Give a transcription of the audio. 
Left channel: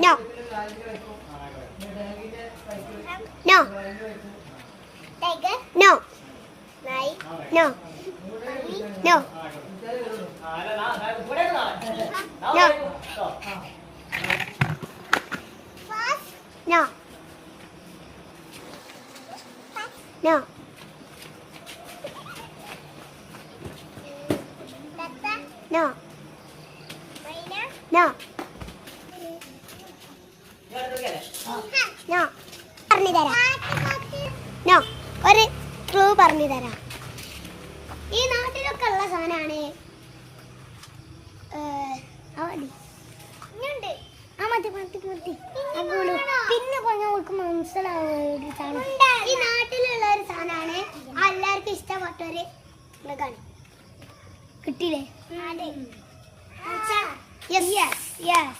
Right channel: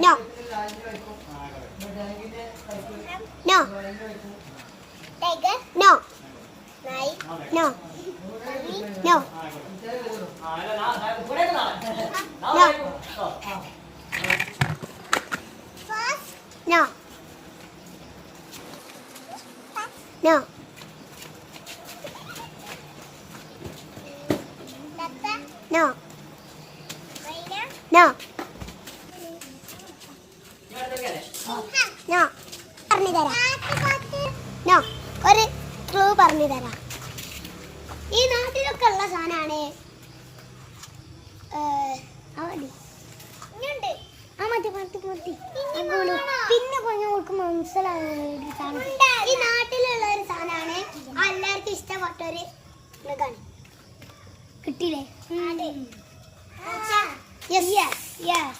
No. No. Tiger? No. Lion? No. Bunny? No. No. Fox? No. No. Tata? No. Rhino? No. No. പറഞ്ഞു തരാം. No. ഒരു clue പറഞ്ഞു തരാം. ഈ നാട്ടിലൊക്കെ ഉള്ള സാധനമാണ്. പിന്നെ ഞങ്ങൾക്ക് മനസ്സിലാവുന്ന സാധനം ഈ നാട്ടിലുള്ള ഒരു സാധനമാണ്. എല്ലാവർക്കും ഇഷ്ടപ്പെട്ട ഒരു മൃഗമാണ്. കിട്ടിയില്ലേ? Yes yes yes